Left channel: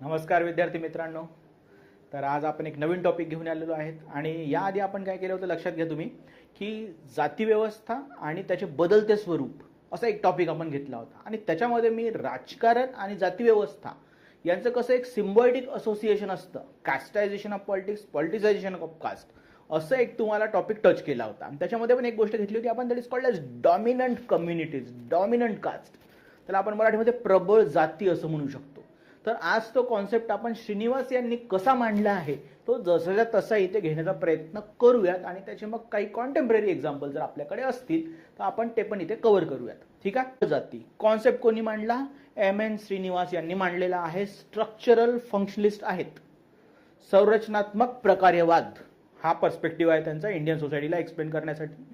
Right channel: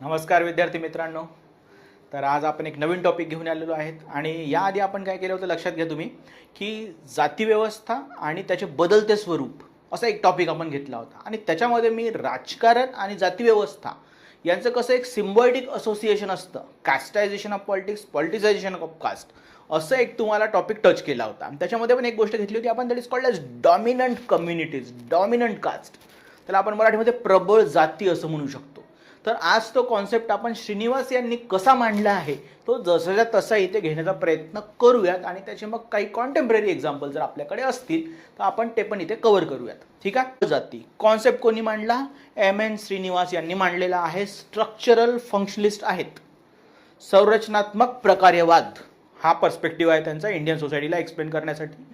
नमस्कार विद्यार्थी मित्रांनो. तर आज आपण एक नवीन टॉपिक घेऊन आलेलो आहेत आणि याआधी आपण काय केलं होतं लक्षात घ्या तुम्ही की जातीव्यवस्था आणि त्याचे बदलते स्वरूप असा एक टॉपिक आपण घेतला होता. आणि त्याच्यामध्ये मी राजकारण आणि जातीव्यवस्था यांचं कसं एक सिम्बॉयटिक असोसिएशन असतं casteisation of politics politicisation of caste असं एक तुम्हाला टॉपिक टच केला होता. आणि त्याच्यामध्ये पण एक गोष्ट घेतली होती आपण that is called as dominant communities dominant caste त्याला आपण मराठीमध्ये प्रबळ जाती असं म्हणू शकतो. तर आज तो कॉन्सेप्ट आपण श्रीनिवास यांनी कसा मांडला आहे तो जसाच्या तसा इथे घेण्याचा प्रयत्न करूयात आणि त्याचे मग काही कॉन्टेम्पररी एक्झाम्पल जर आपल्याकडे असतील तर आपण ते पण इथे कव्हर करूयात. ठीक आहे? जाती. कॉन्सेप्ट कोणी मांडला? एम एन श्रीनिवास यांनी मांडलेला आहे. स्ट्रक्चरल फंक्शनिस्ट आहेत. संरचनात्मक प्रकार्यवाद. हा पर्स्पेक्टिव्ह आहे त्यांचा इंडियन सोसायटीला एक्सप्लेन करण्यासाठी.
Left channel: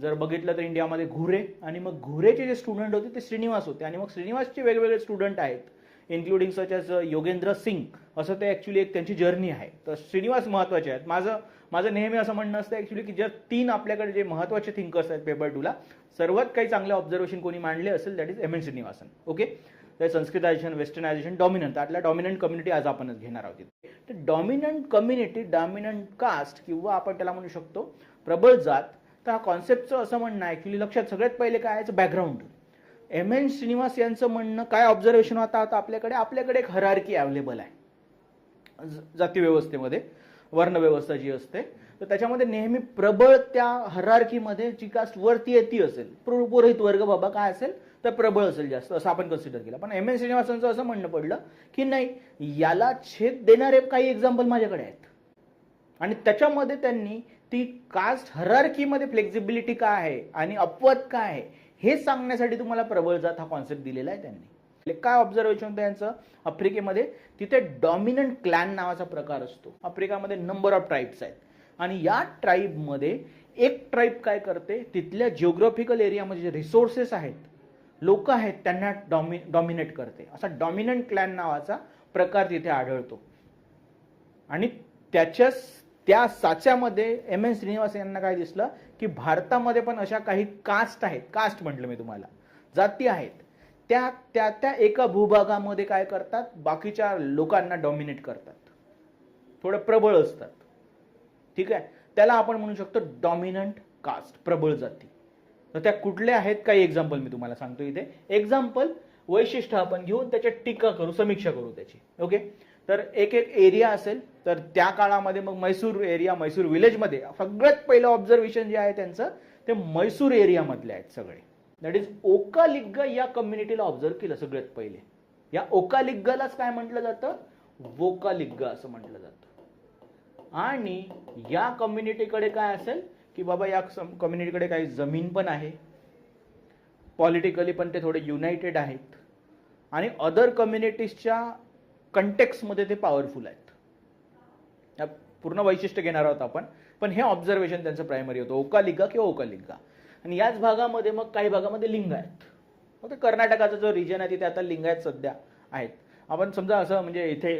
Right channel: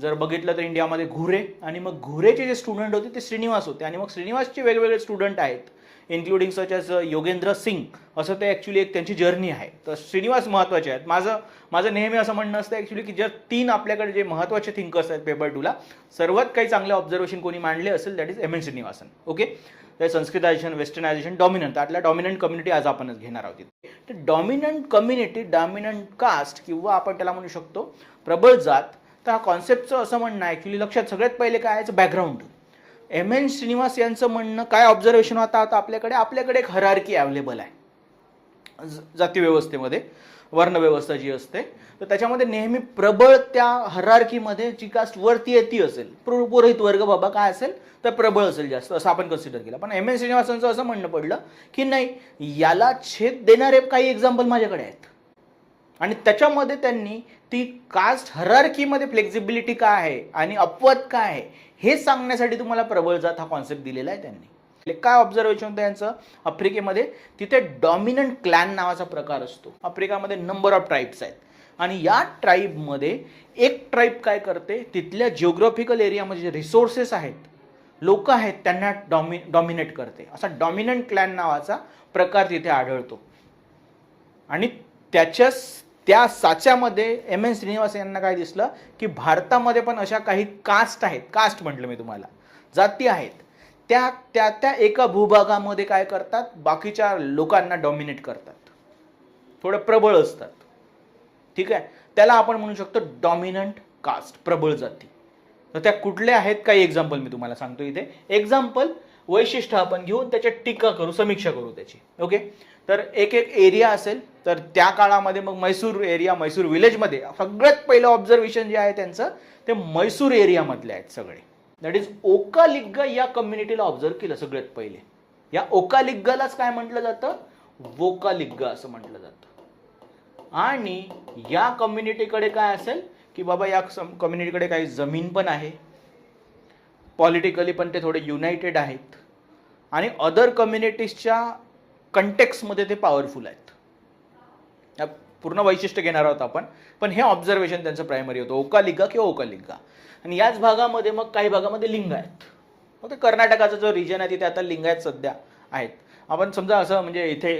जर बघितलं तर इंडियामध्ये घुरे आणि मग घुरेचे जे स्टुडंट होते ते श्रीनिवास होते. आणि मग श्रीनिवासचे वेगवेगळे स्टुडंट आहेत. Including such as Yogendra Singh असं ते ॲक्च्युली एक त्यांची जर्नी आहे. तर श्रीनिवास महत्त्वाचे आहेत. माझं माझं नेहमी असं म्हणणं असतं ॲक्च्युली की जर तीन आपल्याकडे जे महत्त्वाचे थिंकर्स आहेत पेपर टूला सर्वात काही चांगले ऑब्झर्वेशन कोणी मांडले असेल that is M N Srinivasan okay तर संस्कृतायझेशन वेस्टर्नायझेशन डॉमिनंट त्यातल्या डॉमिनंट कम्युनिटी आज आपणच घेणार आहोत तर डॉमिनंट कम्युनिटी डॉमिनंट कास्ट किंवा आपण त्याला म्हणू शकतो प्रबळ जात तर हा कॉन्सेप्टचं असं म्हणणं ॲक्च्युली लक्षात सगळ्यात पहिले काय याचं बॅकग्राऊंड एम एन श्रीनिवास यांचं म्हणणं काय ऑब्झर्वेशन होता? आता आपल्याकडे आपल्याकडे एक हरारकी अवेलेबल आहे. ज- जातीव्यवस्थेमध्ये वर्णव्यवस्था जी असते तर त्याच्यामध्ये नेहमी प्रबळ त्या हरारकीमध्ये जी कास्ट वरती येते असेल. पुरोहित वर्ग बाबा काय असेल तर प्रबळ असेल जास्त असं आपण कन्सिडर केलं. पण एम एन श्रीनिवासांचं असं म्हणणं पडलं की नाही याला छेद देणारे काही एक्झाम्पल माझ्याकडे आहेत. आणि त्याच्यामध्ये त्यांनी ती कास्ट हरारकीमध्ये फ्लेक्झिबिलिटी काय आहे आणि अपवाद काय आहे हे सांगण्यासाठी तुम्हाला प्रबळ जात हा कॉन्सेप्ट दिलेला आहे त्यांनी. म्हणजे काय ऑब्झर्वेशन होतं यांचं? आफ्रिकेमध्ये तिथे डॉमिनंट क्लॅन नावाचा प्रकार असतो. आफ्रिकामध्ये नंबर ऑफ ट्राईब्स आहेत. आणि या ट्राईबमध्ये एक ट्राईब काय करते? तिथल्या जिओग्राफिकल एरियामध्ये जे रिसोर्सेस आहेत लोक आहेत त्यांना डॉमि डॉमिनेट करते. असा डॉमिनंट क्लॅन नावाचा प्रकार तिथे आढळतो. आणि त्याच्या त्या साच्यामध्ये एम एन श्रीनिवास यांना काय दिसलं की भारतामध्ये पण अशा काही कास्ट आहेत. कास्ट म्हटलं मी तुम्हाला. जाती आहेत. त्या त्या त्या एका भूभागामध्ये काय करतात? बाकीच्या लोकांना डॉमिनेट करतात. थोडं प्रबळ असतात. ठीक आहे? त्याला आपण म्हणू शकतो डॉमिनंट कास्ट प्रबळ जाती. तर त्या कुठल्या आहेत? काही एक्झाम्पल मी तुम्हाला सांगतो इथे. एक्झाम्पल वैशिष्ट्य आपण घेऊन त्याच्या टीका करू समीक्षा करू त्याची. ओके तर एक एक एरिया असेल तर त्या काळामध्ये मग मैसूर एरिया मैसूर विलेजमध्ये सगळ्यात पहिलं ऑब्झर्वेशन जे आहे त्यांचं ते मैसूर एरियामधले आहेत सगळे. दॅट इज ओकालिग्गा या कम्युनिटीला ऑब्झर्व केलं सगळ्यात पहिले. या ओकालिग्गालाच काय म्हटलं जातं? वोकालिग्गा असं म्हटलं जातं. आणि या कम्युनिटीकडे काय असेल? की बाबा या कम्युनिटीकडे काही जमीन पण आहे. पॉलिटिकली पण ते थोडे युनायटेड आहेत. आणि अदर कम्युनिटीजच्या कंटेक्समध्ये ते पॉवरफुल आहेत. पूर्ण वैशिष्ट्य घेणार आहोत आपण. पण हे ऑब्झर्वेशन त्यांचं प्रायमरी होतं. ओकालिका किंवा ओकालिका. आणि याच भागामध्ये मग काही भागामध्ये लिंग आहेत. मग ते कर्नाटकाचा जो रिजन आहे तिथे आता लिंगायत सध्या आहेत. आपण समजा असं म्हणजे इथे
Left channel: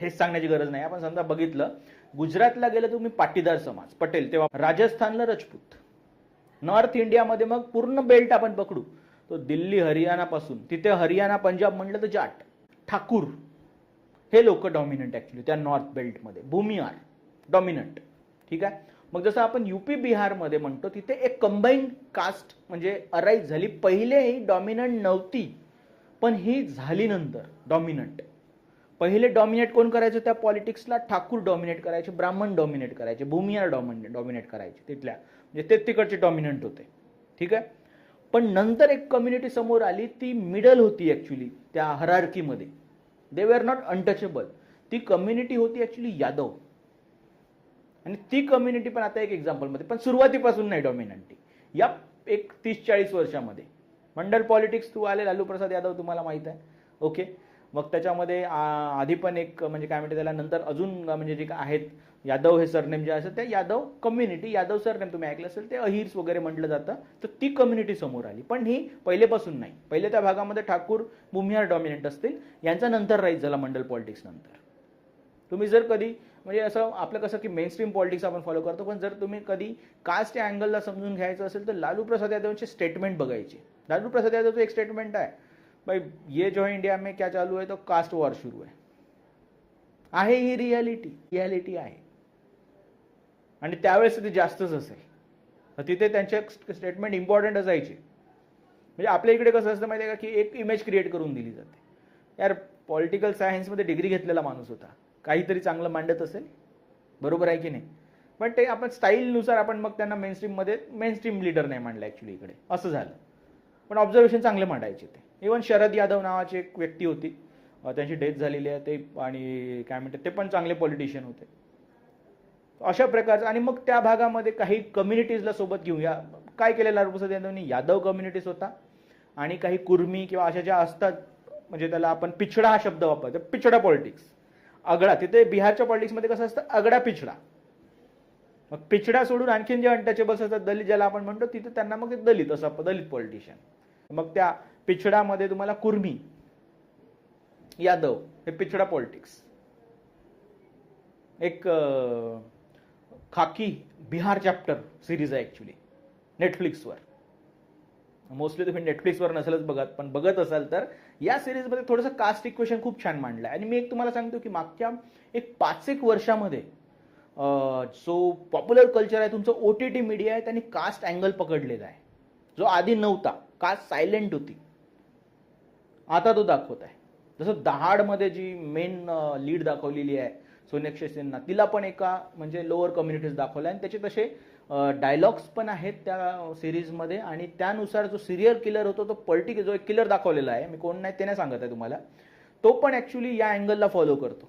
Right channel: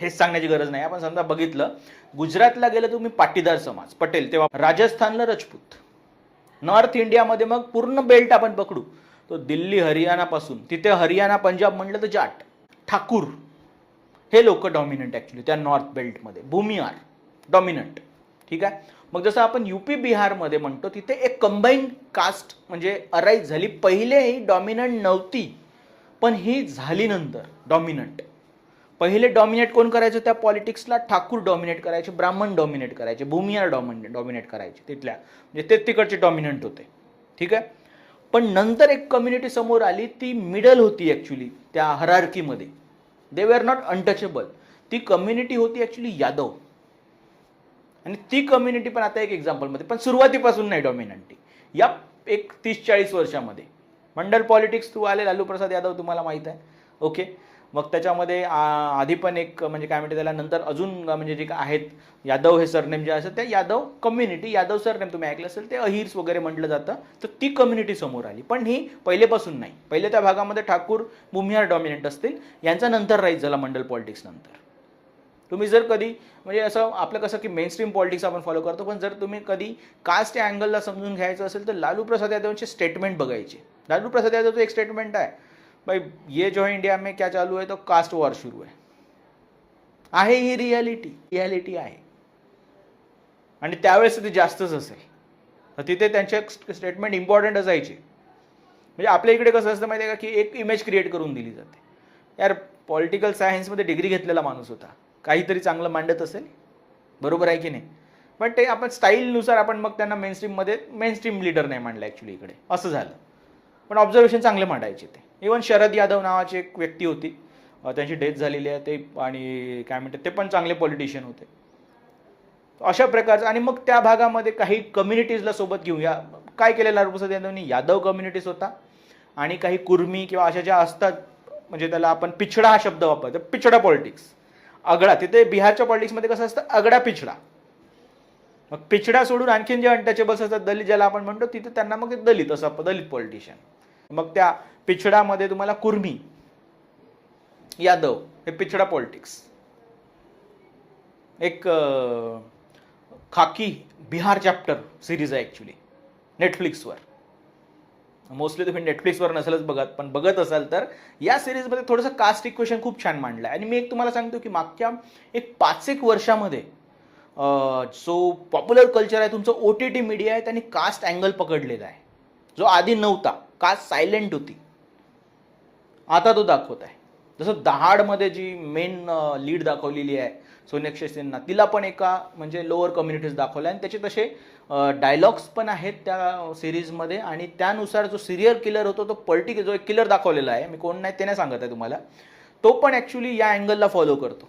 हेच सांगण्याची गरज नाही. आपण समजा बघितलं गुजरातला गेलं तुम्ही पाटीदार समाज पटेल तेव्हा राजस्थानला रजपूत. नॉर्थ इंडियामध्ये मग पूर्ण बेल्ट आपण पकडू. तो दिल्ली हरियाणापासून. तिथे हरियाणा पंजाब म्हटलं तर जाट. ठाकूर. हे लोक डॉमिनंट ॲक्च्युली त्या नॉर्थ बेल्टमध्ये भूमिहार डॉमिनंट ठीक आहे? मग जसं आपण युपी बिहारमध्ये म्हणतो तिथे एक कंबाईन कास्ट म्हणजे अराईज झाली. पहिले ही डॉमिनंट नव्हती पण ही झाली नंतर डॉमिनंट पहिले डॉमिनेट कोण करायचं? त्या पॉलिटिक्सला ठाकूर डॉमिनेट करायचे ब्राह्मण डॉमिनेट करायचे भूमिहार डॉमिने डॉमिनेट करायचे तिथल्या. म्हणजे ते तिकडचे डॉमिनंट होते. ठीक आहे? पण नंतर एक कम्युनिटी समोर आली ती मिडल होती ॲक्च्युली त्या हरारकीमध्ये दे वेर नॉट अनटचेबल ती कम्युनिटी होती ॲक्च्युली यादव. आणि ती कम्युनिटी पण आता एक एक्झाम्पलमध्ये पण सुरुवातीपासून नाही डॉमिनंटी या एक तीस चाळीस वर्षामध्ये. मंडल पॉलिटिक्स थ्रू आले लालू प्रसाद यादव तुम्हाला माहीत आहे. ओके मग त्याच्यामध्ये आ, आधी पण एक म्हणजे काय म्हणते त्याला नंतर अजून म्हणजे जे काय आहेत यादव हे सरनेम जे असतं ते यादव कम्युनिटी यादव सरनेम तुम्ही ऐकलं असेल ते अहिर्स वगैरे म्हटलं जातं तर ती कम्युनिटी समोर आली. पण ही पहिलेपासून नाही. पहिले त्या भागामध्ये ठाकूर भूमिहार डॉमिनेंट असतील यांचा नंतर राईज झाला मंडल पॉलिटिक्स नंतर. तुम्ही जर कधी म्हणजे असं आपलं कसं की मेन स्ट्रीम पॉलिटिक्स आपण फॉलो करतो पण जर तुम्ही कधी कास्ट या अँगलला समजून घ्यायचं असेल तर लालू प्रसाद यादवचे स्टेटमेंट बघायचे. लालू प्रसाद यादवचं एक स्टेटमेंट आहे. भाई ये जो है इंडिया में क्या चालू है तो कास्ट वॉर शुरू है। आहे ही रियालिटी रियालिटी आहे. आणि त्यावेळेस ते जास्तच असेल. तर तिथे त्यांचे स्टेटमेंट इम्पॉर्टंट असायचे. म्हणजे आपल्या इकडे कसं असतं माहिती आहे का की एक इमेज क्रिएट करून दिली जाते. यार पॉलिटिकल सायन्समध्ये डिग्री घेतलेला माणूस होता. काहीतरी चांगलं मांडत असेल. बरोबर आहे की नाही? पण ते आपण स्टाईलनुसार आपण मग त्यांना मेन स्ट्रीममध्ये मेन स्ट्रीम लीडर नाही मांडलं ॲक्च्युली इकडे. असं झालं. पण ऑब्झर्वेशन चांगले मांडायचे ते. इवन शरद यादव नावाची एक व्यक्ती होती. त्यांची डेथ झालेली आहे. ते आणि काय म्हणतात ते पण चांगले पॉलिटिशियन होते. अशा प्रकारचं आणि मग त्या भागामध्ये काही कम्युनिटीजला सोबत घेऊन या. काय केलेलं लालूप्रसाद यादवनी? यादव कम्युनिटीज होता. आणि काही कुर्मी किंवा अशा ज्या असतात म्हणजे त्याला आपण पिछडा हा शब्द वापरतो. पिछडा पॉलिटिक्स अगडा तिथे बिहारच्या पॉलिटिक्समध्ये कसं असतं? अगडा पिछडा. मग पिछडा सोडून आणखीन जे अनटचेबल्स असतात दलित ज्याला आपण म्हणतो तिथे त्यांना मग दलित असं दलित पॉलिटिशियन मग त्या पिछडामध्ये तुम्हाला कुर्मी यादव हे पिछडा पॉलिटिक्स एक खाकी बिहार चॅप्टर सिरीज आहे ॲक्च्युली नेटफ्लिक्सवर मोस्टली तुम्ही नेटफ्लिक्सवर नसेलच बघत पण बघत असाल तर या सिरीजमध्ये थोडंसं कास्ट इक्वेशन खूप छान मांडलं आहे आणि मी एक तुम्हाला सांगतो की मागच्या एक पाच एक वर्षामध्ये जो पॉप्युलर कल्चर आहे तुमचं ओ टी टी मीडिया आहे त्यांनी कास्ट अँगल पकडलेला आहे. जो आधी नव्हता कास्ट सायलेंट होती. आता तो दाखवत आहे. जसं दहाडमध्ये जी मेन लीड दाखवलेली आहे सोनेक्षे सिन्हा तिला पण एका म्हणजे लोअर कम्युनिटीज दाखवल्या आणि त्याचे तसे डायलॉग्स पण आहेत त्या सिरीजमध्ये आणि त्यानुसार जो सिरियल किलर होतो तो पर्टिक्युलर जो एक किलर दाखवलेला आहे मी कोण नाही ते नाही सांगत आहे तुम्हाला तो पण ॲक्च्युली या अँगलला फॉलो करतो.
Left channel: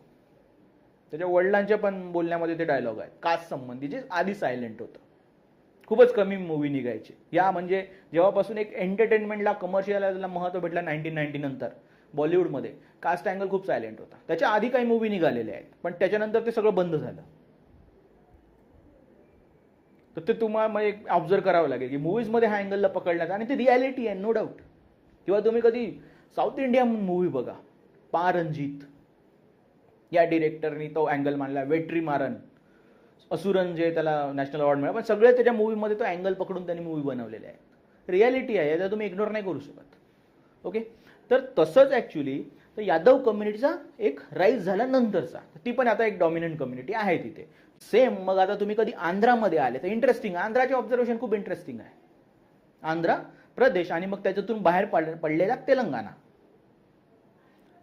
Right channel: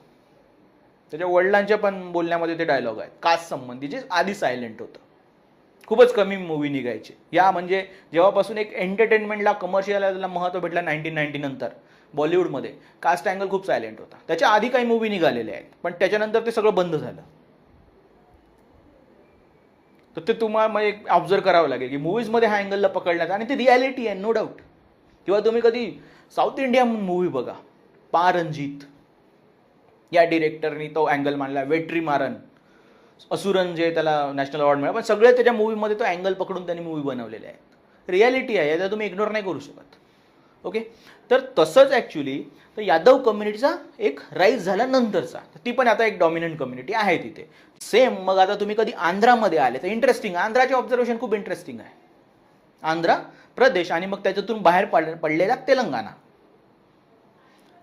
त्याच्या वडिलांच्या पण बोलण्यामध्ये ते डायलॉग आहेत. कास्ट संबंधी जे आधी सायलेंट होतं. खूपच कमी मूवी निघायचे. या म्हणजे जेव्हापासून एक एंटरटेनमेंटला कमर्शियलला महत्त्व भेटलं नाईन्टीन नाईन्टी नंतर बॉलिवूडमध्ये कास्ट अँगल खूप सायलेंट होता. त्याच्या आधी काही मूवी निघालेल्या आहेत पण त्याच्यानंतर ते सगळं बंद झालं. तर ते तुम्हाला म्हणजे एक ऑब्झर्व करावं लागेल की मूवीजमध्ये हा अँगलला पकडण्यात आणि ती रियालिटी आहे नो डाऊट किंवा तुम्ही कधी साऊथ इंडिया मूवी बघा पारंजित. या डिरेक्टरनी तो अँगल मांडला वेट्री मारन. असुरन जे त्याला नॅशनल अवॉर्ड मिळाला. पण सगळे त्याच्या मूवीमध्ये तो अँगल पकडून त्यांनी मूवी बनवलेले आहेत रियालिटी आहे याचा तुम्ही इग्नोर नाही करू शकत. ओके तर तसंच ॲक्च्युली तर यादव कम्युनिटीचा एक राईज झाला नंतरचा ती पण आता एक डॉमिनंट कम्युनिटी आहे तिथे. सेम मग आता तुम्ही कधी आंध्रामध्ये आले तर इंटरेस्टिंग आंध्राचे ऑब्झर्वेशन खूप इंटरेस्टिंग आहे. आंध्र प्रदेश आणि मग त्याच्यातून बाहेर पड पडलेला तेलंगणा.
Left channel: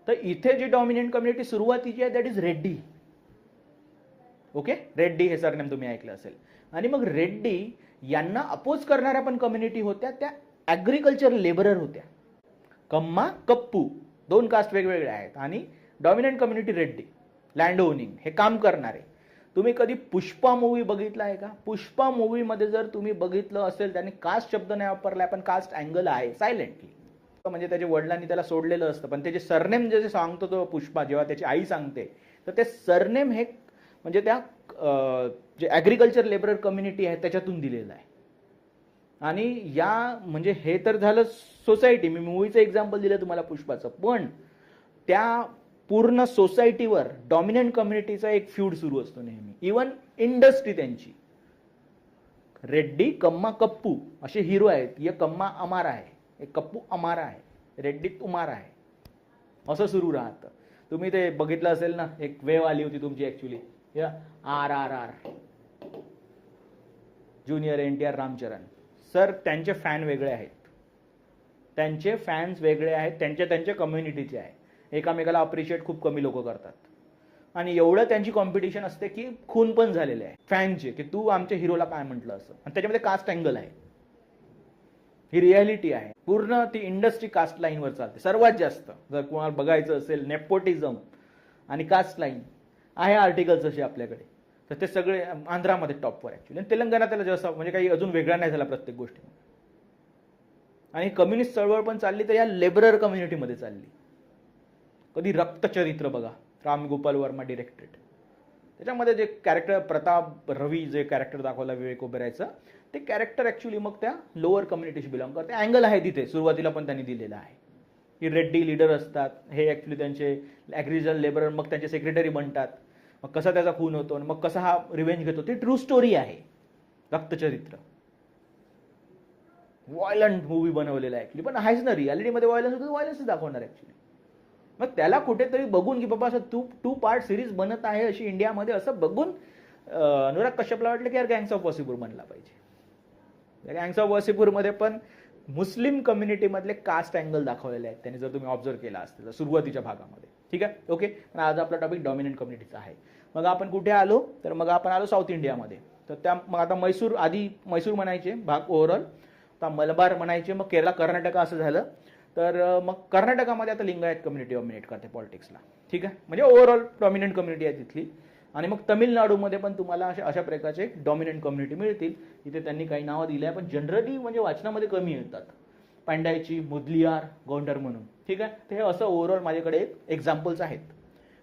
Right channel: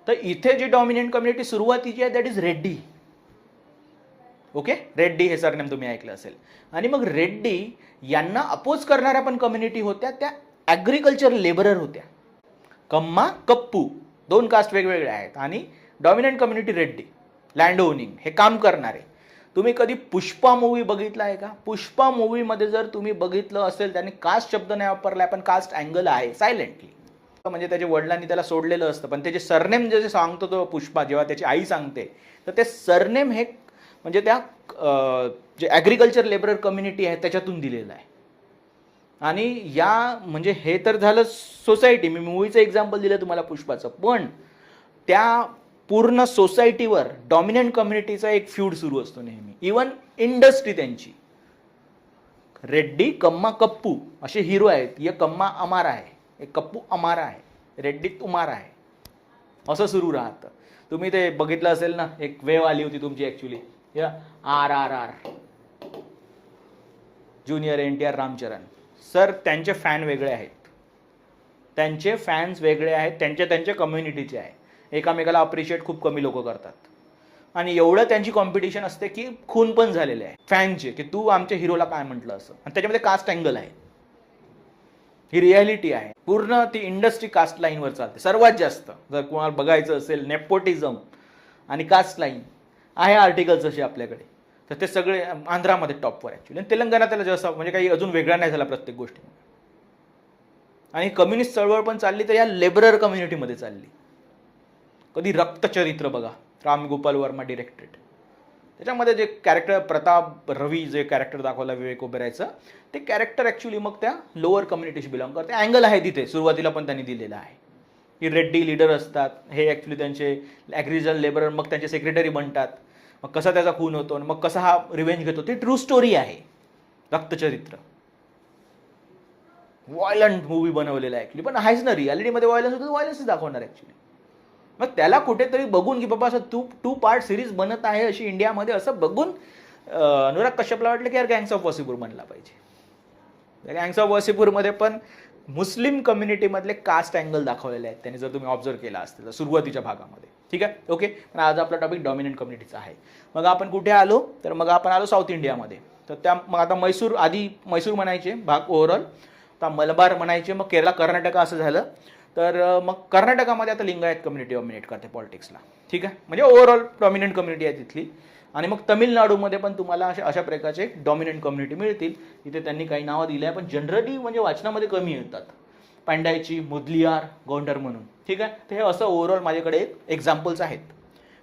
तर इथे जी डॉमिनंट कम्युनिटी सुरुवातीची आहे that is Reddy okay? Reddy हे सरनेम तुम्ही ऐकलं असेल. आणि मग रेड्डी यांना अपोज करणाऱ्या पण कम्युनिटी होत्या त्या ॲग्रिकल्चर लेबरर होत्या. कम्मा कप्पू दोन कास्ट वेगवेगळ्या आहेत. आणि dominant community Reddy land owning हे काम करणारे. तुम्ही कधी पुष्पा मूवी बघितला आहे का? पुष्पा मूवीमध्ये जर तुम्ही बघितलं असेल त्यांनी कास्ट शब्द नाही वापरला पण कास्ट अँगल आहे सायलेंटली म्हणजे त्याच्या वडिलांनी त्याला सोडलेलं असतं पण त्याचे सरनेम जे जे सांगतो तो पुष्पा जेव्हा त्याची आई सांगते तर ते सरनेम हे म्हणजे त्या जे ॲग्रिकल्चर लेबरर कम्युनिटी आहे त्याच्यातून दिलेलं आहे. आणि या म्हणजे हे तर झालं सोसायटी मी मूवीचं एक्झाम्पल दिलं तुम्हाला पुष्पाचं. पण त्या पूर्ण सोसायटीवर डॉमिनंट कम्युनिटीचा एक फ्यूड सुरू असतो नेहमी. इवन इंडस्ट्री त्यांची. रेड्डी कम्मा कप्पू असे हिरो आहेत. ये कम्मा अमारा आहे. एक कप्पू अमारा आहे. रेड्डी तुमारा आहे. असं सुरू राहतं. तुम्ही ते बघितलं असेल ना? एक वेव आली होती तुमची ॲक्च्युली या? R R R. Junior N T R Ramcharan sir त्यांचे फॅन वेगळे आहेत. त्यांचे फॅन्स वेगळे आहेत. त्यांच्या त्यांच्या कम्युनिटीचे आहे. एकामेकाला अप्रिशिएट खूप कमी लोक करतात. आणि एवढं त्यांची कॉम्पिटिशन असते की खून पण झालेले आहे. फॅनचे की तू आमच्या हिरोला काय म्हटलं असं. आणि त्याच्यामध्ये कास्ट अँगल आहे. ही रियालिटी आहे. पूर्ण ती इंडस्ट्री कास्ट लाईनवर चालते. सर्वात जास्त जर कोणाला बघायचं असेल नेपोटिझम आणि कास्ट लाईन आहे आर्टिकल्स असे आपल्याकडे. तर ते सगळे आंध्रामध्ये टॉपवर ॲक्च्युली आणि तेलंगणा त्याला जसं म्हणजे काही अजून वेगळा नाही झाला प्रत्येक गोष्टी. आणि कम्युनिस्ट चळवळ पण चालली तर या लेबरर कम्युनिटीमध्ये चालली. कधी रक्तचरित्र बघा. रामगोपाल वर्मा डिरेक्टेड त्याच्यामध्ये जे कॅरेक्टर प्रताप रवी जे कॅरेक्टर दाखवला विवेक ओबेरायचं ते कॅरेक्टर ॲक्च्युली मग त्या लोअर कम्युनिटीशी बिलॉंग करते. अँगल आहे तिथे. सुरुवातीला पण त्यांनी दिलेलं आहे. की रेड्डी लीडर असतात. हे ॲक्च्युली त्यांचे ॲग्रिजन लेबरर मग त्यांचे सेक्रेटरी बनतात. मग कसा त्याचा खून होतो आणि मग कसा हा रिव्हेंज घेतो ती ट्रू स्टोरी आहे. रक्तचरित्र. व्हायलंट मूवी बनवलेला आहे ॲक्च्युली पण आहेच ना रियालिटीमध्ये व्हायलन्स होतं व्हायलन्सच दाखवणार ॲक्च्युली मग त्याला कुठेतरी बघून की बाबा असं तू टू पार्ट सिरीज बनत आहे अशी इंडियामध्ये असं बघून अनुराग कश्यपला वाटलं की यार गँग्स ऑफ वसीपूर बनला पाहिजे. गँग्स ऑफ वसीपूरमध्ये पण मुस्लिम कम्युनिटीमधले कास्ट अँगल दाखवलेले आहेत. त्यांनी जर तुम्ही ऑब्झर्व केला असतील तर सुरुवातीच्या भागामध्ये. ठीक आहे? ओके पण आज आपला टॉपिक डॉमिनंट कम्युनिटीचा आहे. मग आपण कुठे आलो? तर मग आपण आलो साऊथ इंडियामध्ये तर त्या मग आता मैसूर आधी मैसूर म्हणायचे भाग ओव्हरऑल आता मलबार म्हणायचे मग केरला कर्नाटक असं झालं. तर मग कर्नाटकामध्ये आता लिंगायत कम्युनिटी डॉमिनेट करते पॉलिटिक्सला ठीक आहे? म्हणजे ओव्हरऑल डॉमिनंट कम्युनिटी आहे तिथली. आणि मग तमिळनाडूमध्ये पण तुम्हाला अशा अशा प्रकारचे डॉमिनंट कम्युनिटी मिळतील. इथे त्यांनी काही नावं दिली आहे पण जनरली म्हणजे वाचनामध्ये कमी येतात. पांडायची मुदलियार गोंडर म्हणून. ठीक आहे? तर हे असं ओव्हरऑल माझ्याकडे एक एक्झाम्पल्स आहेत.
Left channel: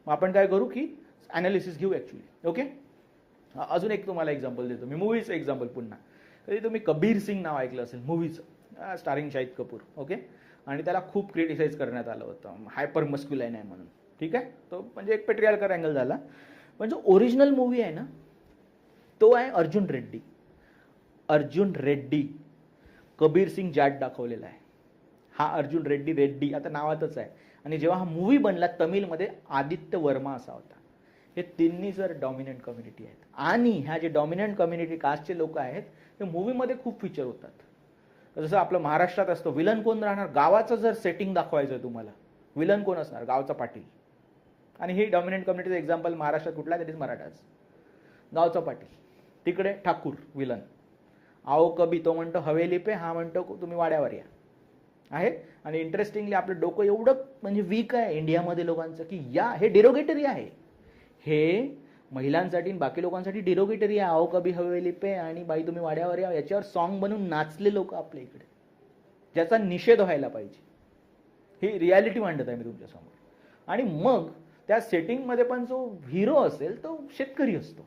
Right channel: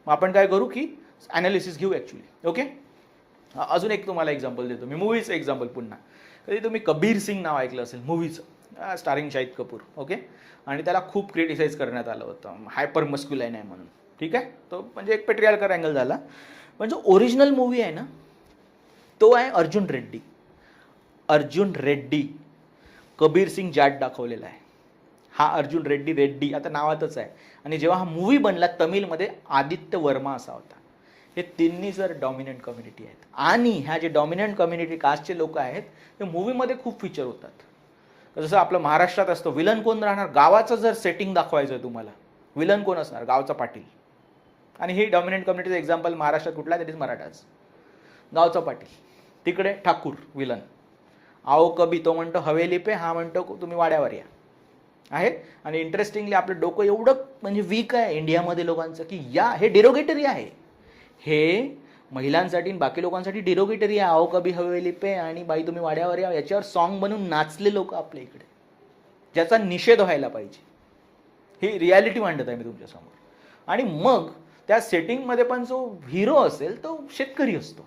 मग आपण काय करू की ॲनालिसिस घेऊ ॲक्च्युली ओके अजून एक तुम्हाला एक्झाम्पल देतो. मी मूवीचं एक्झाम्पल पुन्हा. कधी तुम्ही कबीर सिंग नाव ऐकलं असेल मूवीचं स्टारिंग शाहिद कपूर. ओके आणि त्याला खूप क्रिटिसाइज करण्यात आलं होतं. हायपर मस्क्युलाईन आहे म्हणून. ठीक आहे? तो म्हणजे एक पेट्रियालकर अँगल झाला. पण जो ओरिजिनल मूवी आहे ना तो आहे अर्जुन रेड्डी. अर्जुन रेड्डी. कबीर सिंग जाट दाखवलेला आहे. हा अर्जुन रेड्डी रेड्डी आता नावातच आहे. आणि जेव्हा हा मूवी बनला तमिळमध्ये आदित्य वर्मा असा होता. हे तिन्ही जर डॉमिनंट कम्युनिटी आहेत. आणि ह्या जे डॉमिनंट कम्युनिटी कास्टचे लोक आहेत ते मूवीमध्ये खूप फीचर होतात. जसं आपलं महाराष्ट्रात असतं विलन कोण राहणार? गावाचं जर सेटिंग दाखवायचं आहे तुम्हाला विलन कोण असणार? गावचा पाटील. आणि ही डॉमिनंट कम्युनिटीचं एक्झाम्पल महाराष्ट्रात कुठला? दॅट इज मराठाच. गावचा पाटील. तिकडे ठाकूर विलन. आओ कबी तो म्हणतो हवेली पे हा म्हणतो तुम्ही वाड्यावर या. आहे? आणि इंटरेस्टिंगली आपलं डोकं एवढं म्हणजे वीक आहे इंडियामध्ये लोकांचं की या हे डिरोगेटरी आहे. हे महिलांसाठी आणि बाकी लोकांसाठी डिरोगेटरी आहे. आओ कबी हवेली पे आणि बाई तुम्ही वाड्यावर या याच्यावर सॉन्ग बनवून नाचले लोक आपल्या इकडे. ज्याचा निषेध व्हायला पाहिजे. ही रियालिटी मांडत आहे मी तुमच्यासमोर. आणि मग त्या सेटिंगमध्ये पण जो हिरो असेल तो शेतकरी असतो.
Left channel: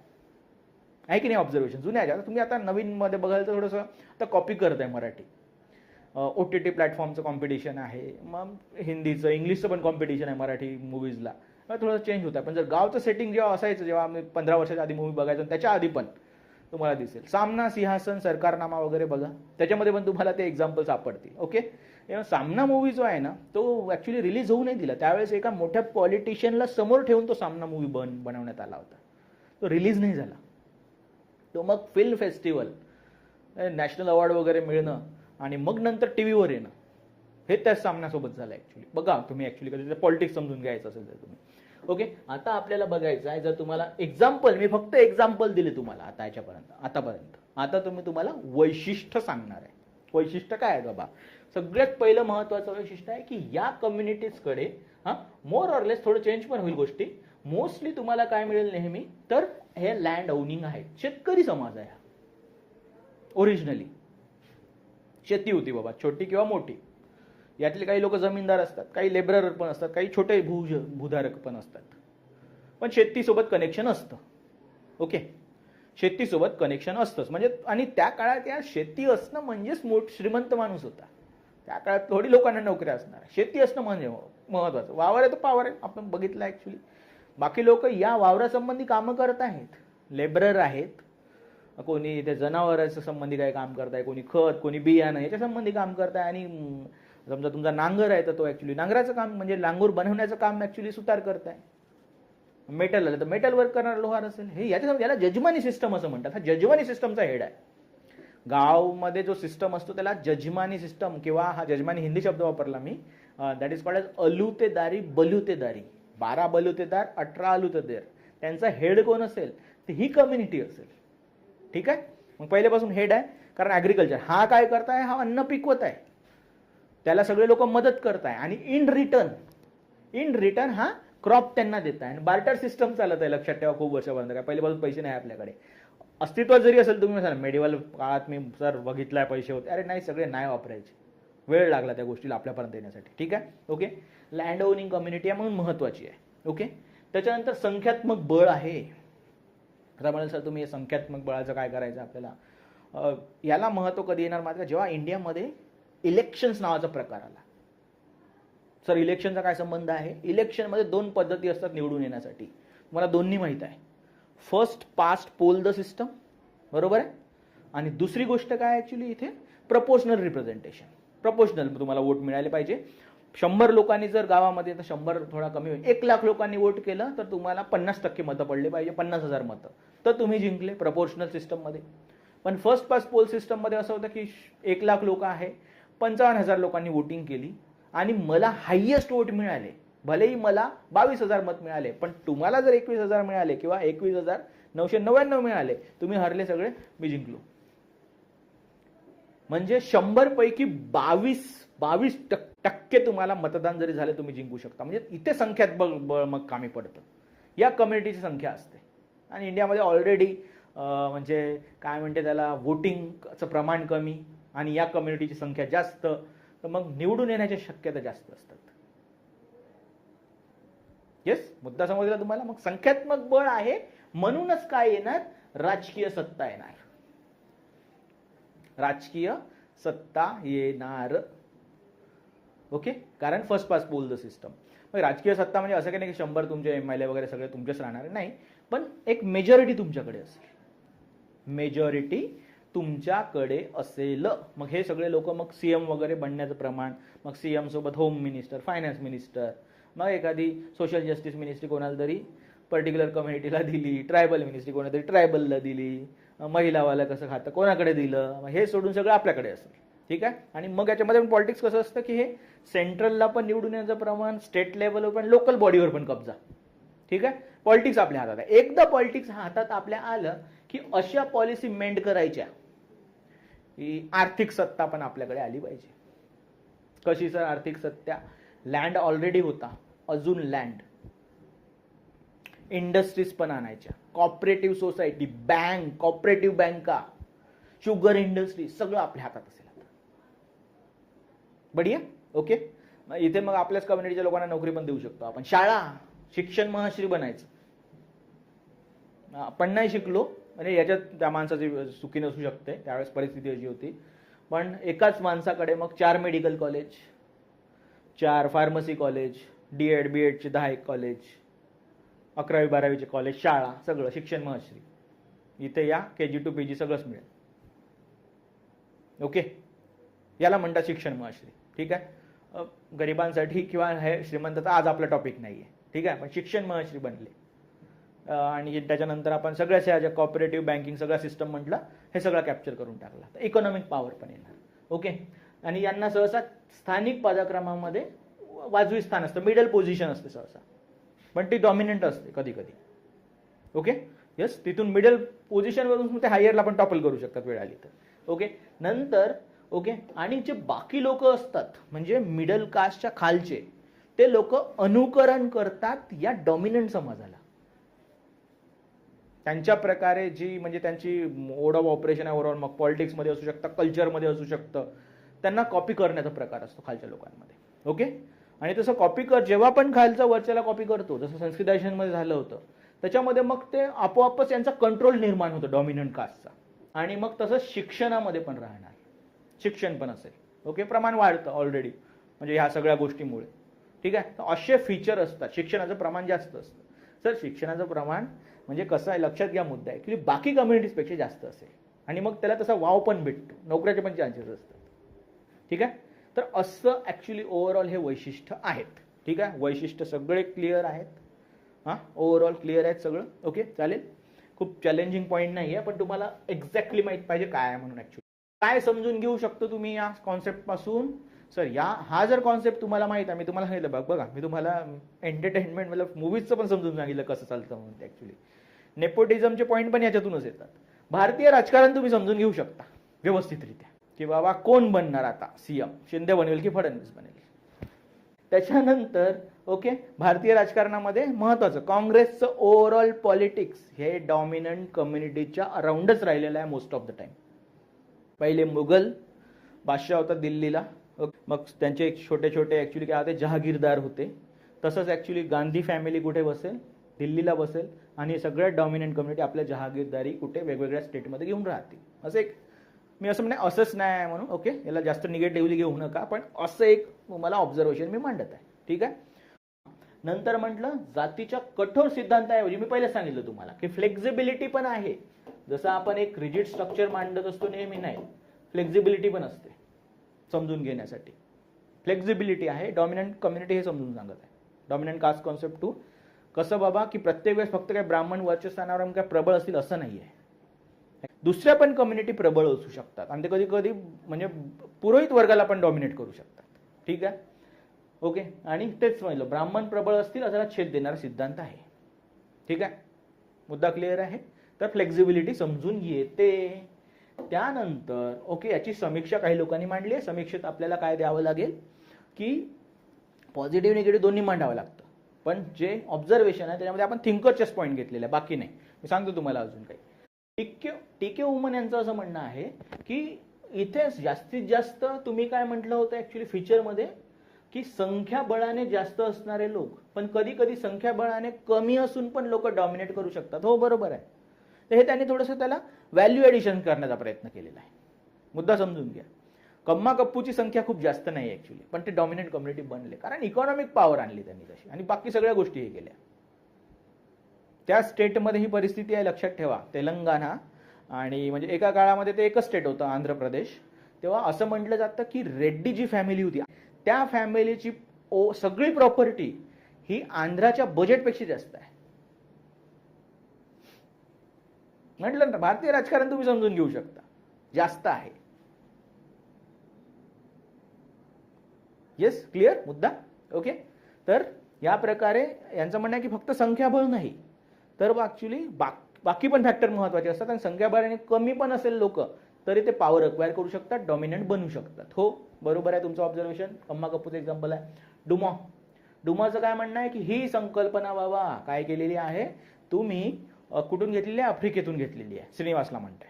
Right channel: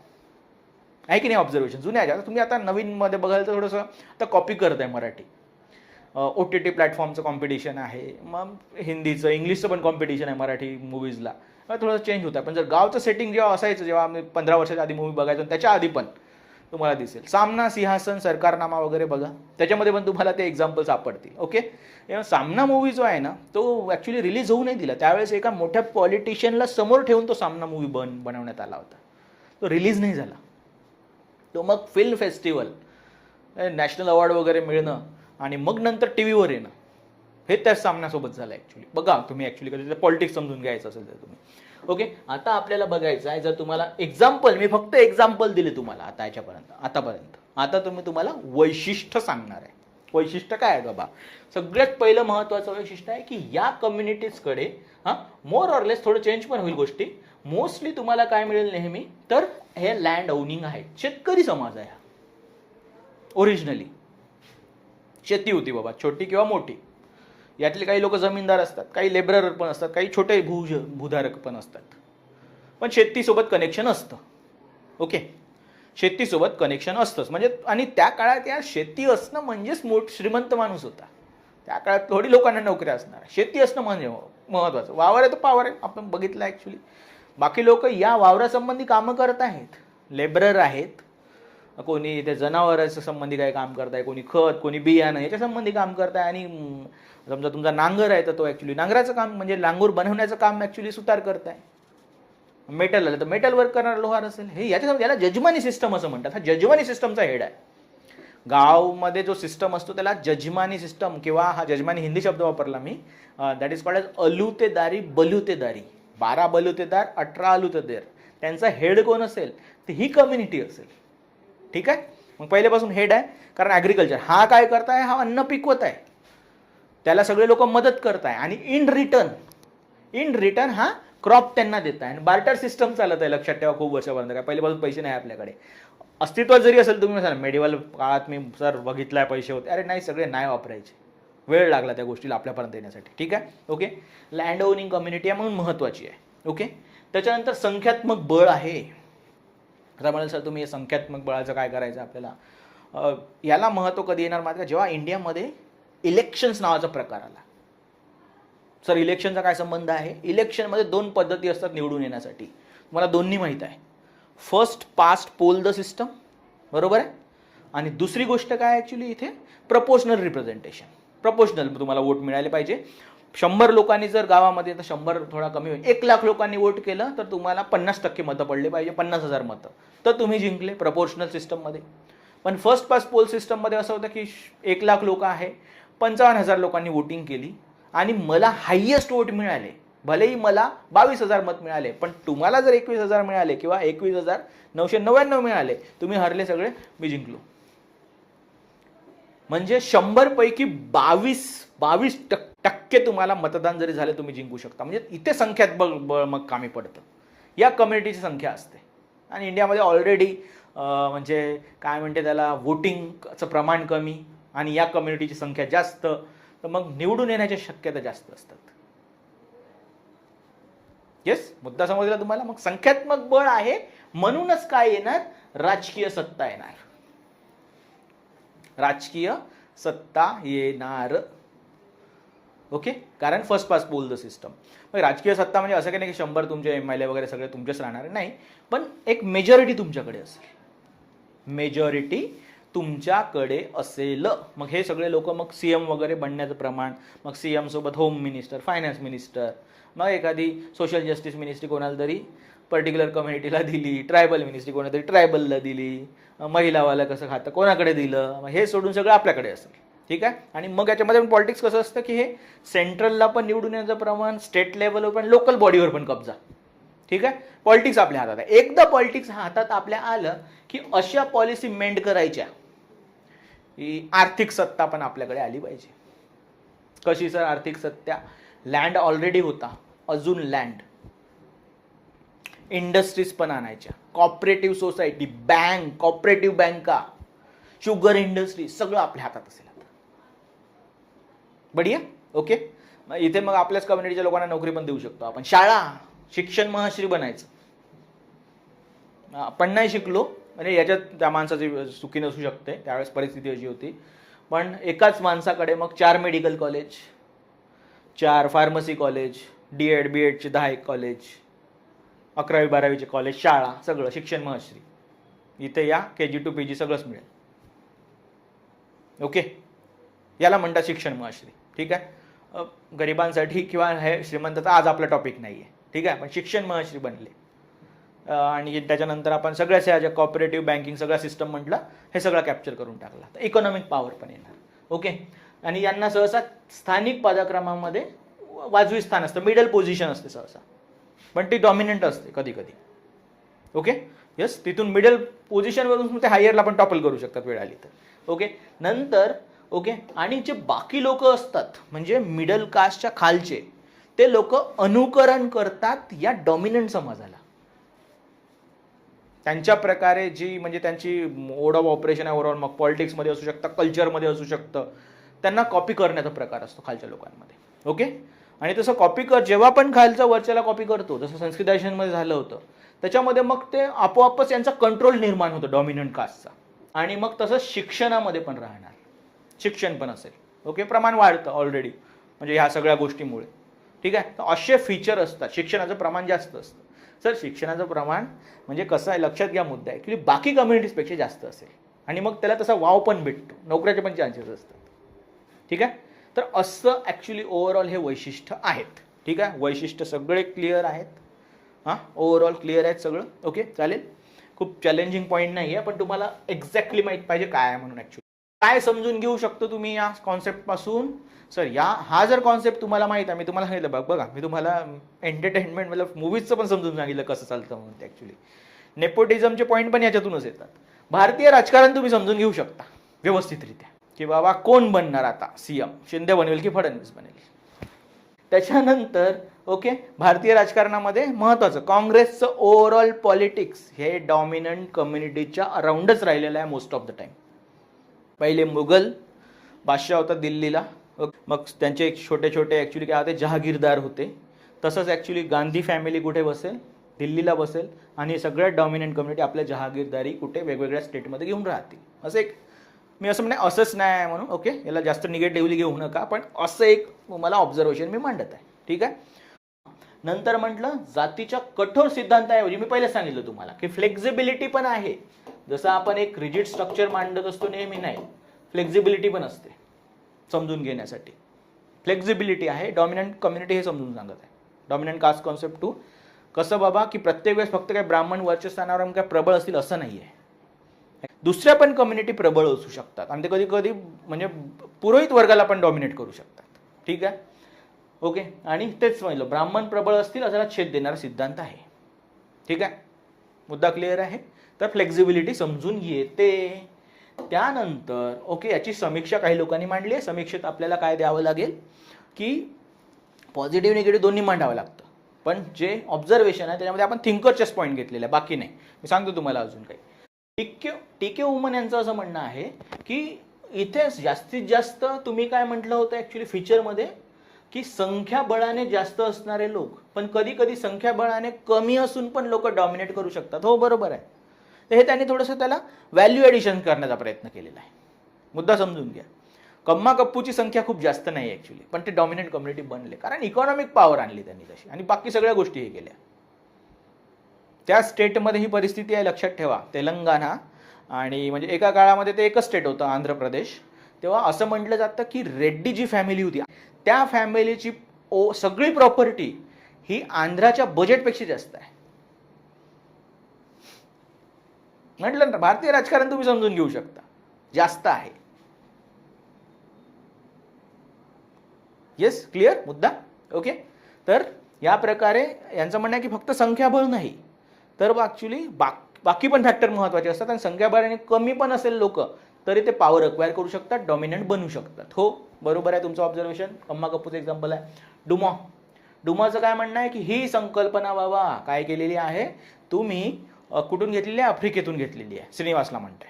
आहे की नाही ऑब्झर्वेशन जुन्या ज्या तुम्ही आता नवीनमध्ये बघाल तर थोडंसं आता कॉपी करत आहे मराठी ओ टी टी प्लॅटफॉर्मचं कॉम्पिटिशन आहे. मग हिंदीचं इंग्लिशचं पण कॉम्पिटिशन आहे मराठी मूवीजला थोडंसं चेंज होतं पण जर गावचं सेटिंग जेव्हा असायचं जेव्हा आम्ही पंधरा वर्षाच्या आधी मूवी बघायचो त्याच्या आधी पण तुम्हाला दिसेल. सामना सिंहासन सरकारनामा वगैरे बघा. त्याच्यामध्ये पण तुम्हाला ते एक्झाम्पल सापडतील. ओके सामना मूवी जो आहे ना तो ॲक्च्युली रिलीज होऊ नाही दिला. त्यावेळेस एका मोठ्या पॉलिटिशियनला समोर ठेवून तो सामना मूवी बन बनवण्यात आला होता. तो रिलीज नाही झाला. तो मग फिल्म फेस्टिवल नॅशनल अवॉर्ड वगैरे मिळणं आणि मग नंतर टी व्हीवर येणं. हे त्या सामन्यासोबत झालं ॲक्च्युली बघा तुम्ही ॲक्च्युली कधी पॉलिटिक्स समजून घ्यायचं असेल तर तुम्ही. ओके आता आपल्याला बघायचं आहे जर तुम्हाला एक्झाम्पल मी फक्त एक्झाम्पल दिले तुम्हाला आता याच्यापर्यंत आतापर्यंत. आता तुम्ही तुम्हाला वैशिष्ट्य सांगणार आहे. वैशिष्ट्य काय आहे बाबा? सगळ्यात पहिलं महत्त्वाचं वैशिष्ट्य आहे की या कम्युनिटीजकडे हां मोर ऑरलेस थोडं चेंज पण होईल गोष्टी. मोस्टली तुम्हाला काय मिळेल नेहमी? तर हे लँड ओनिंग आहे शेतकरी समाज आहे हा. ओरिजिनली शेती होती बाबा. छोटी किंवा मोठी. यातले काही लोक जमीनदार असतात काही लेबरर पण असतात काही छोटे भू भूधारक पण असतात. पण शेतीसोबत कनेक्शन असतं. ओके शेतीसोबत कनेक्शन असतंच. म्हणजे आणि त्या काळात या शेती असणं म्हणजेच मोठ श्रीमंत माणूस होता. त्या काळात थोडी लोकांना नोकऱ्या असणार. शेती असणं म्हणजे महत्त्वाचं वावर आहे तर पावर आहे. आपण बघितलं ॲक्च्युली बाकी लोक या वावरासंबंधी कामं करत आहेत. लेबरर आहेत. कोणी इथे जनावरांच्या संबंधी काही काम करताय कोणी खत कोणी बियाणं याच्या संबंधी काम करताय आणि समजा तुमचा नांगर आहे तर तो ॲक्च्युली नांगराचं काम म्हणजे नांगूर बनवण्याचं काम ॲक्च्युली सुतार करताय. मेटल आलं तर मेटल वर्क करणार लोहार असेल. हे याच्या याला जजमानी सिस्टम असं म्हणतात. हा जजमानी सिस्टमचा हेड आहे. गावमध्ये जो सिस्टम असतो त्याला जजमानी सिस्टम किंवा हा जजमानी हिंदी शब्द वापरला मी. दॅट इज कॉल्ड एज अलुतेदारी बलुतेदारी. बारा बलुतेदार अठरा अलुतेदार त्यांचा हेड कोण असेल? तर ही कम्युनिटी असेल. ठीक आहे? मग पहिल्यापासून हेड आहे कारण ॲग्रिकल्चर हा काय करताय? हा अन्न पिकवत आहे त्याला सगळे लोक मदत करताय. आणि इन रिटर्न इन रिटर्न हा क्रॉप त्यांना देत आहे आणि बार्टर सिस्टम चालत आहे लक्षात ठेवा खूप वर्षापर्यंत. काय पहिल्यापासून पैसे नाही आपल्याकडे. अस्तित्वात जरी असेल तुम्ही म्हणाल मेडिवल काळात मी सर बघितलाय पैसे होते. अरे नाही सगळे नाही वापरायचे. वेळ लागला त्या गोष्टीला आपल्यापर्यंत येण्यासाठी. ठीक आहे? ओके? लँड ओनिंग कम्युनिटी आहे म्हणून महत्त्वाची आहे. ओके? त्याच्यानंतर संख्यात्मक बळ आहे. आता म्हणाल सर तुम्ही संख्यात्मक बळाचं काय करायचं आपल्याला? याला महत्त्व कधी येणार मात्र जेव्हा इंडियामध्ये इलेक्शन्स नावाचा प्रकार आला. सर इलेक्शनचा काय संबंध आहे? इलेक्शनमध्ये दोन पद्धती असतात निवडून येण्यासाठी. मला दोन्ही माहीत आहे. First past pole the system बरोबर आहे? आणि दुसरी गोष्ट काय ॲक्च्युली इथे? प्रपोशनल रिप्रेझेंटेशन प्रपोशनल तुम्हाला वोट मिळाले पाहिजे. शंभर लोकांनी जर गावामध्ये तर शंभर थोडा कमी होईल. एक लाख लोकांनी वोट केलं तर तुम्हाला पन्नास टक्के मतं पडले पाहिजे पन्नास हजार मतं. तर तुम्ही जिंकले प्रपोर्शनल सिस्टममध्ये पण फर्स्ट पास पोल सिस्टममध्ये असं होतं की श- एक लाख लोक आहे पंचावन्न हजार लोकांनी वोटिंग केली आणि मला हायेस्ट वोट मिळाले. भलेही मला बावीस हजार मत मिळाले पण तुम्हाला जर एकवीस हजार मिळाले किंवा एकवीस हजार नऊशे नव्याण्णव मिळाले तुम्ही हरले सगळे मी जिंकलो. म्हणजे शंभरपैकी बावीस बावीस टक- टक्के तुम्हाला मतदान जरी झाले तुम्ही जिंकू शकता. म्हणजे इथे संख्यात बळ बळ मग कामी पडतं. या कम्युनिटीची संख्या असते. आणि इंडियामध्ये ऑलरेडी म्हणजे काय म्हणते त्याला वोटिंगचं प्रमाण कमी आणि या कम्युनिटीची संख्या जास्त तर मग निवडून येण्याच्या शक्यता जास्त असतात. येस मुद्दा समजला तुम्हाला? मग संख्यात्मक बळ आहे म्हणूनच काय येणार? राजकीय सत्ता येणार. राजकीय सत्ता येणार. ओके कारण first pass poll the system मग राजकीय सत्ता म्हणजे असं काही नाही की शंभर तुमचे एम एल ए वगैरे सगळे तुमचेच राहणार. नाही. पण एक मेजॉरिटी तुमच्याकडे असेल. मेजॉरिटी तुमच्याकडे असेल. मग हे सगळे लोक मग सी एम वगैरे बनण्याचं प्रमाण मग सी एमसोबत होम मिनिस्टर फायनान्स मिनिस्टर मग एखादी सोशल जस्टिस मिनिस्ट्री कोणाला तरी पर्टिक्युलर कम्युनिटीला दिली ट्रायबल मिनिस्ट्री कोणाला तरी ट्रायबलला दिली. महिलावाला कसं खातं कोणाकडे दिलं मग हे सोडून सगळं आपल्याकडे असेल. ठीक आहे? आणि मग याच्यामध्ये पण पॉलिटिक्स कसं असतं की हे सेंट्रलला पण निवडून येण्याचं प्रमाण स्टेट लेवलवर पण लोकल बॉडीवर पण कब्जा. ठीक आहे? पॉलिटिक्स आपल्या हातात आहे. एकदा पॉलिटिक्स हातात आपल्या आलं की अशा पॉलिसी मेंड करायच्या ही आर्थिक सत्ता पण आपल्याकडे आली पाहिजे. कशी सर? आर्थिक सत्ता. लँड ऑलरेडी होता. अजून लँड इंडस्ट्रीज पण आणायच्या. कॉपरेटिव्ह सोसायटी बँक कॉपरेटिव्ह बँका शुगर इंडस्ट्री सगळं आपल्या हातात असेल बढिया? ओके मग इथे मग आपल्याच कम्युनिटीच्या लोकांना नोकरी पण देऊ शकतो आपण. शाळा शिक्षण महाश्री बनायचं. आपण नाही शिकलो म्हणजे याच्यात त्या माणसाची चुकी नसू शकते त्यावेळेस परिस्थिती अशी होती. पण एकाच माणसाकडे मग चार मेडिकल कॉलेज चार pharmacy college D Ed B एडचे दहा एक कॉलेज अकरावी बारावीचे कॉलेज शाळा सगळं शिक्षण महश्री इथे या के जी टू पी जी सगळंच मिळेल. ओके याला म्हणतात शिक्षण महश्री ठीक आहे? गरिबांसाठी किंवा हे श्रीमंताचा आज आपला टॉपिक नाही आहे ठीक आहे? पण शिक्षण महश्री बनले. आणि त्याच्यानंतर आपण सगळ्याच ह्या ज्या कॉपरेटिव्ह बँकिंग सगळा सिस्टम म्हटलं हे सगळं कॅप्चर करून टाकला. तर इकॉनॉमिक पॉवर पण येणार. ओके आणि यांना सहसा स्थानिक पदाक्रमामध्ये वाजवी स्थान असतं. मिडल पोझिशन असते सहसा. पण ती डॉमिनंट असते कधी कधी. ओके यस तिथून मिडल पोझिशनवरून ते हायरला पण टॉपल करू शकतात वेळ आली तर. ओके नंतर ओके आणि जे बाकी लोक असतात म्हणजे मिडल कास्टच्या खालचे ते लोक अनुकरण करतात या डॉमिनंट समाजाला. त्यांच्या प्रकारे जी म्हणजे त्यांची मोड ऑफ ऑपरेशन आहे ओव्हरऑल मग पॉलिटिक्समध्ये असू शकतं कल्चरमध्ये असू शकतं त्यांना कॉपी करण्याचा प्रकार असतो खालच्या लोकांमध्ये. ओके आणि तसं कॉपी कर जेव्हा पण खालचा वरच्याला कॉपी करतो जसं संस्कृतायशनमध्ये झालं होतं त्याच्यामध्ये मग ते आपोआपच यांचा कंट्रोल निर्माण होतो डॉमिनंट कास्टचा आणि मग तसं शिक्षणामध्ये पण राहणार. शिक्षण पण असेल. ओके प्रमाण वाढतं ऑलरेडी म्हणजे ह्या सगळ्या गोष्टीमुळे. ठीक आहे? तर असे फीचर असतात. शिक्षणाचं प्रमाण जास्त असतं. सर शिक्षणाचं प्रमाण म्हणजे कसं आहे? लक्षात घ्या मुद्दा. आहे की बाकी कम्युनिटीजपेक्षा जास्त असेल. आणि मग त्याला तसा वाव पण भेटतो. नोकऱ्याचे पण चान्सेस असतात. ठीक आहे? तर असं ॲक्च्युली ओव्हरऑल हे वैशिष्ट्य आहेत. ठीक आहे? वैशिष्ट्य सगळे क्लिअर आहेत. हां? ओव्हरऑल क्लिअर आहेत सगळं. ओके चालेल? खूप चॅलेंजिंग पॉईंट नाही आहे पण तुम्हाला एक्झॅक्टली माहीत पाहिजे काय आहे म्हणून ॲक्च्युली काय समजून घेऊ शकतो तुम्ही या कॉन्सेप्टपासून सर या हा जर कॉन्सेप्ट तुम्हाला माहीत आहे मी तुम्हाला सांगितलं बघ बघा मी तुम्हाला एंटरटेनमेंट मतलब मूवीजचं पण समजून सांगितलं कसं चालतं म्हणून ते ॲक्च्युली नेपोटिझमचे पॉईंट पण याच्यातूनच येतात. भारतीय राजकारण तुम्ही समजून घेऊ शकता व्यवस्थितरित्या. की बाबा कोण बनणार आता सी एम शिंदे बनवेल की फडणवीस बनेल? त्याच्यानंतर ओके भारतीय राजकारणामध्ये महत्त्वाचं काँग्रेसचं ओव्हरऑल पॉलिटिक्स हे डॉमिनंट कम्युनिटीच्या अराउंडच राहिलेलं आहे मोस्ट ऑफ द टाईम पहिले मुघल बादशाह होता दिल्लीला मग त्यांचे एक छोटे छोटे ॲक्च्युली काय होते जहागीरदार होते. तसंच ॲक्च्युली गांधी फॅमिली कुठे बसेल? दिल्लीला बसेल. आणि सगळ्या डॉमिनंट कम्युनिटी आपल्या जहागीरदारी कुठे वेगवेगळ्या स्टेटमध्ये घेऊन राहतील. असं एक मी असं म्हणे असंच नाही आहे म्हणून ओके याला जास्त निगेटिव्हली घेऊ नका पण असं एक मला ऑब्झर्वेशन मी मांडत आहे. ठीक आहे? नंतर म्हटलं जातीच्या कठोर सिद्धांताऐवजी मी पहिले सांगितलं तुम्हाला की फ्लेक्झिबिलिटी पण आहे. जसं आपण एक रिजिड स्ट्रक्चर मांडत असतो नेहमी नाही. फ्लेक्झिबिलिटी पण असते समजून घेण्यासाठी. फ्लेक्झिबिलिटी आहे डॉमिनंट कम्युनिटी हे समजून सांगत आहे. डॉमिनंट कास्ट कॉन्सेप्ट टू कसं बाबा की प्रत्येक वेळेस फक्त काय ब्राह्मण वर्चस्थानावर काय प्रबळ असतील असं नाही आहे दुसऱ्या पण कम्युनिटी प्रबळ असू शकतात. आणि ते कधी कधी म्हणजे पुरोहित वर्गाला पण डॉमिनेट करू शकतात. ठीक आहे? ओके आणि तेच म्हणलं ब्राह्मण प्रबळ असतील असा छेद देणारा सिद्धांत आहे. ठीक आहे? मुद्दा क्लिअर आहे? तर फ्लेक्झिबिलिटी समजून येते त्यानंतर ओके याची समीक्षा काही लोकांनी मांडली आहे. समीक्षेत आपल्याला काय द्यावं लागेल? की पॉझिटिव्ह निगेटिव्ह दोन्ही मांडावं लागतं. पण जे ऑब्झर्वेशन आहे त्याच्यामध्ये आपण थिंकरचेच पॉईंट घेतलेले आहे. बाकी नाही. मी सांगतो तुम्हाला अजून काही. टिके टिके वुमन यांचं असं म्हणणं आहे की इथे जास्तीत जास्त तुम्ही काय म्हटलं होतं ॲक्च्युली फीचरमध्ये की संख्याबळाने जास्त असणारे लोक पण कधी कधी संख्याबळाने कमी असून पण लोक डॉमिनेट करू शकतात. हो बरोबर आहे. तर हे त्यांनी थोडंसं त्याला व्हॅल्यू ॲडिशन करण्याचा प्रयत्न केलेला आहे. मुद्दा समजून घ्या. कम्मा कप्पूची संख्या खूप जास्त नाही ॲक्च्युली पण ते डॉमिनेंट कम्युनिटी बनले. कारण इकॉनॉमिक पॉवर आणली त्यांनी तशी. आणि बाकी सगळ्या गोष्टी हे केल्या. त्या स्टेटमध्ये ही परिस्थिती आहे लक्षात ठेवा. तेलंगणा आणि म्हणजे एका काळामध्ये ते एकच स्टेट होतं आंध्र प्रदेश. तेव्हा असं म्हटलं जातं की रेड्डी जी फॅमिली होती त्या फॅमिलीची ओ सगळी प्रॉपर्टी ही आंध्राच्या बजेटपेक्षा जास्त आहे. म्हटलं ना भारतीय राजकारण तुम्ही समजून घेऊ शकता. जास्त आहे. येस क्लिअर मुद्दा? ओके तर या प्रकारे यांचं म्हणणं आहे की फक्त संख्याबळ नाही. तर ॲक्च्युली बाक बाकी पण फॅक्टर महत्त्वाचे असतात आणि संख्याबळाने कमी पण असेल लोक तरी ते पॉवर अक्वायर करू शकतात डॉमिनंट बनू शकतात. हो बरोबर आहे तुमचं ऑब्झर्वेशन अम्मा कपूरचं एक्झाम्पल आहे. डुमॉ. डुमॉचं काय म्हणणं आहे की ही संकल्पना बाबा काय केलेली आहे? तुम्ही कुठून घेतलेली आहे? आफ्रिकेतून घेतलेली आहे श्रीनिवासला म्हणते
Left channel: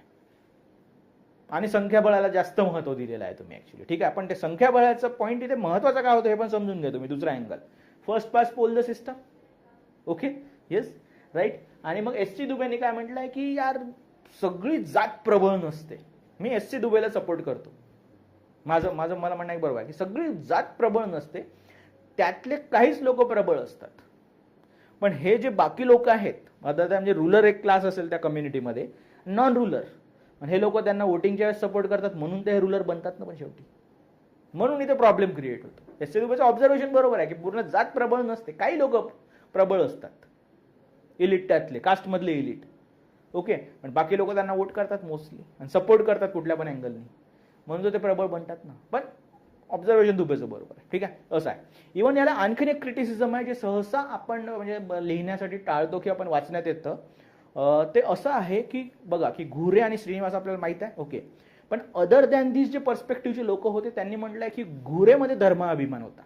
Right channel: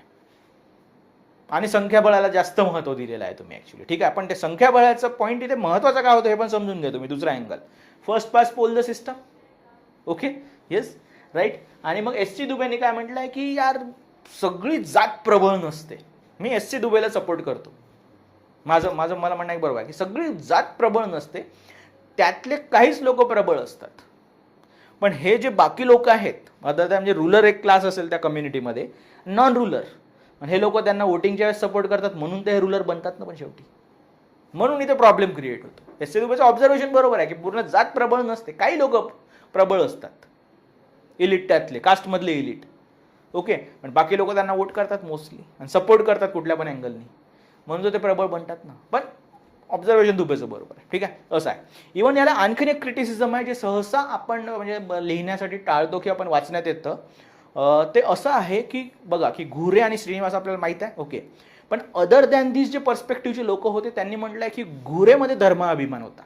आणि संख्याबळाला जास्त महत्त्व दिलेलं आहे तुम्ही ॲक्च्युली ठीक आहे पण ते संख्याबळाचं पॉईंट इथे महत्त्वाचं काय होतं हे पण समजून घ्या तुम्ही दुसरा angle first pass poll the system okay yes right? आणि मग एस सी दुबेने काय म्हटलंय की यार सगळी जात प्रबळ नसते. मी एस सी दुबेला सपोर्ट करतो. माझं माझं मला म्हणणं आहे बरोबर आहे की सगळी जात प्रबळ नसते. त्यातले काहीच लोक प्रबळ असतात. पण हे जे बाकी लोक आहेत अदर म्हणजे रुलर एक क्लास असेल त्या कम्युनिटीमध्ये नॉन रुलर हे लोक त्यांना वोटिंगच्या वेळेस सपोर्ट करतात म्हणून ते रुलर बनतात ना पण शेवटी. म्हणून इथे प्रॉब्लेम क्रिएट होतो. एस सी दुबेचं ऑब्झर्वेशन बरोबर आहे की पूर्ण जात प्रबळ नसते. काही लोक प्रबळ असतात. इलिट त्यातले कास्टमधले इलिट ओके पण बाकी लोक त्यांना वोट करतात मोस्टली आणि सपोर्ट करतात कुठल्या पण अँगलनी म्हणून ते प्रबळ बनतात ना. पण ऑब्झर्वेशन दुबेचं बरोबर आहे. ठीक आहे? असं आहे. इवन याला आणखीन एक क्रिटिसिझम आहे जे सहसा आपण म्हणजे लिहिण्यासाठी टाळतो की आपण वाचण्यात येतं. ते असं आहे की बघा की घुरे आणि श्रीनिवास आपल्याला माहीत आहे? ओके पण अदर दॅन दिस जे पर्स्पेक्टिव्हचे लोक होते त्यांनी म्हटलंय की घुरेमध्ये धर्माभिमान होता.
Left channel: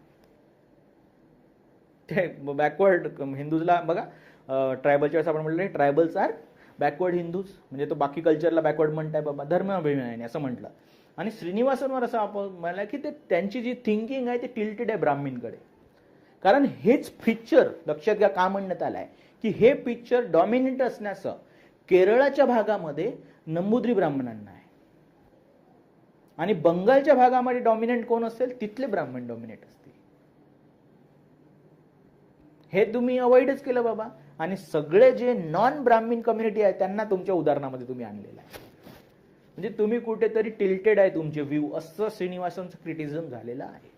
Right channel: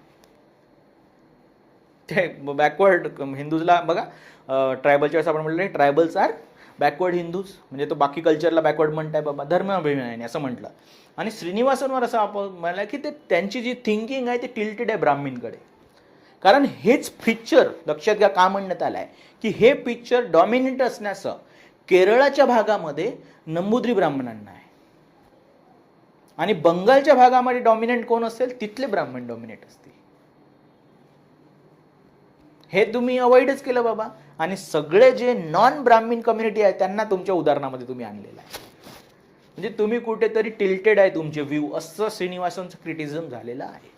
ते बॅकवर्ड हिंदूजला बघा ट्रायबलच्या वेळेस आपण म्हटलं ट्रायबल्स आर बॅकवर्ड हिंदूज म्हणजे तो बाकी कल्चरला बॅकवर्ड म्हणताय बाबा धर्माभिमानाने असं म्हटलं. आणि श्रीनिवासांवर असं आपण म्हणाला की ते त्यांची जी थिंकिंग आहे ती टिल्टेड आहे ब्राह्मीणकडे कारण हेच पिक्चर लक्षात घ्या का म्हणण्यात आलं आहे की हे पिक्चर डॉमिनेट असण्याचं केरळाच्या भागामध्ये नंबुद्री ब्राह्मणांना आहे. आणि बंगालच्या भागामध्ये डॉमिनेंट कोण असेल तिथले ब्राह्मण डॉमिनेट असतील. हे तुम्ही अवॉइडच केलं बाबा. आणि सगळे जे नॉन ब्राह्मीण कम्युनिटी आहे त्यांना तुमच्या उदाहरणामध्ये तुम्ही आणलेलं आहे. म्हणजे तुम्ही कुठेतरी टिल्टेड आहे तुमचे व्ह्यू असं श्रीनिवासांचं क्रिटिझम झालेलं आहे.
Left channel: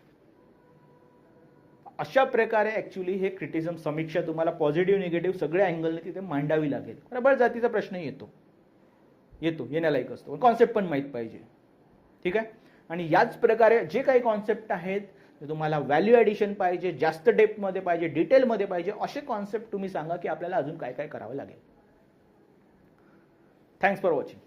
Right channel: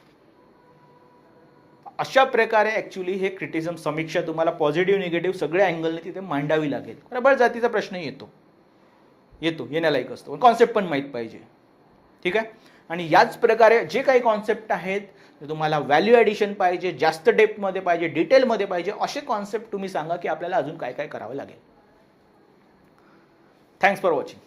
अशा प्रकारे ॲक्च्युली हे क्रिटिझम समीक्षा तुम्हाला पॉझिटिव्ह निगेटिव्ह सगळ्या अँगलने तिथे मांडावी लागेल. प्रबळ जातीचा प्रश्न येतो. येतो येण्यालायक असतो. कॉन्सेप्ट पण माहीत पाहिजे. ठीक आहे? आणि याच प्रकारे जे काही कॉन्सेप्ट आहेत तुम्हाला व्हॅल्यू ॲडिशन पाहिजे जास्त डेप्थमध्ये पाहिजे डिटेलमध्ये पाहिजे असे कॉन्सेप्ट तुम्ही सांगा की आपल्याला अजून काय काय करावं लागेल. Thanks for watching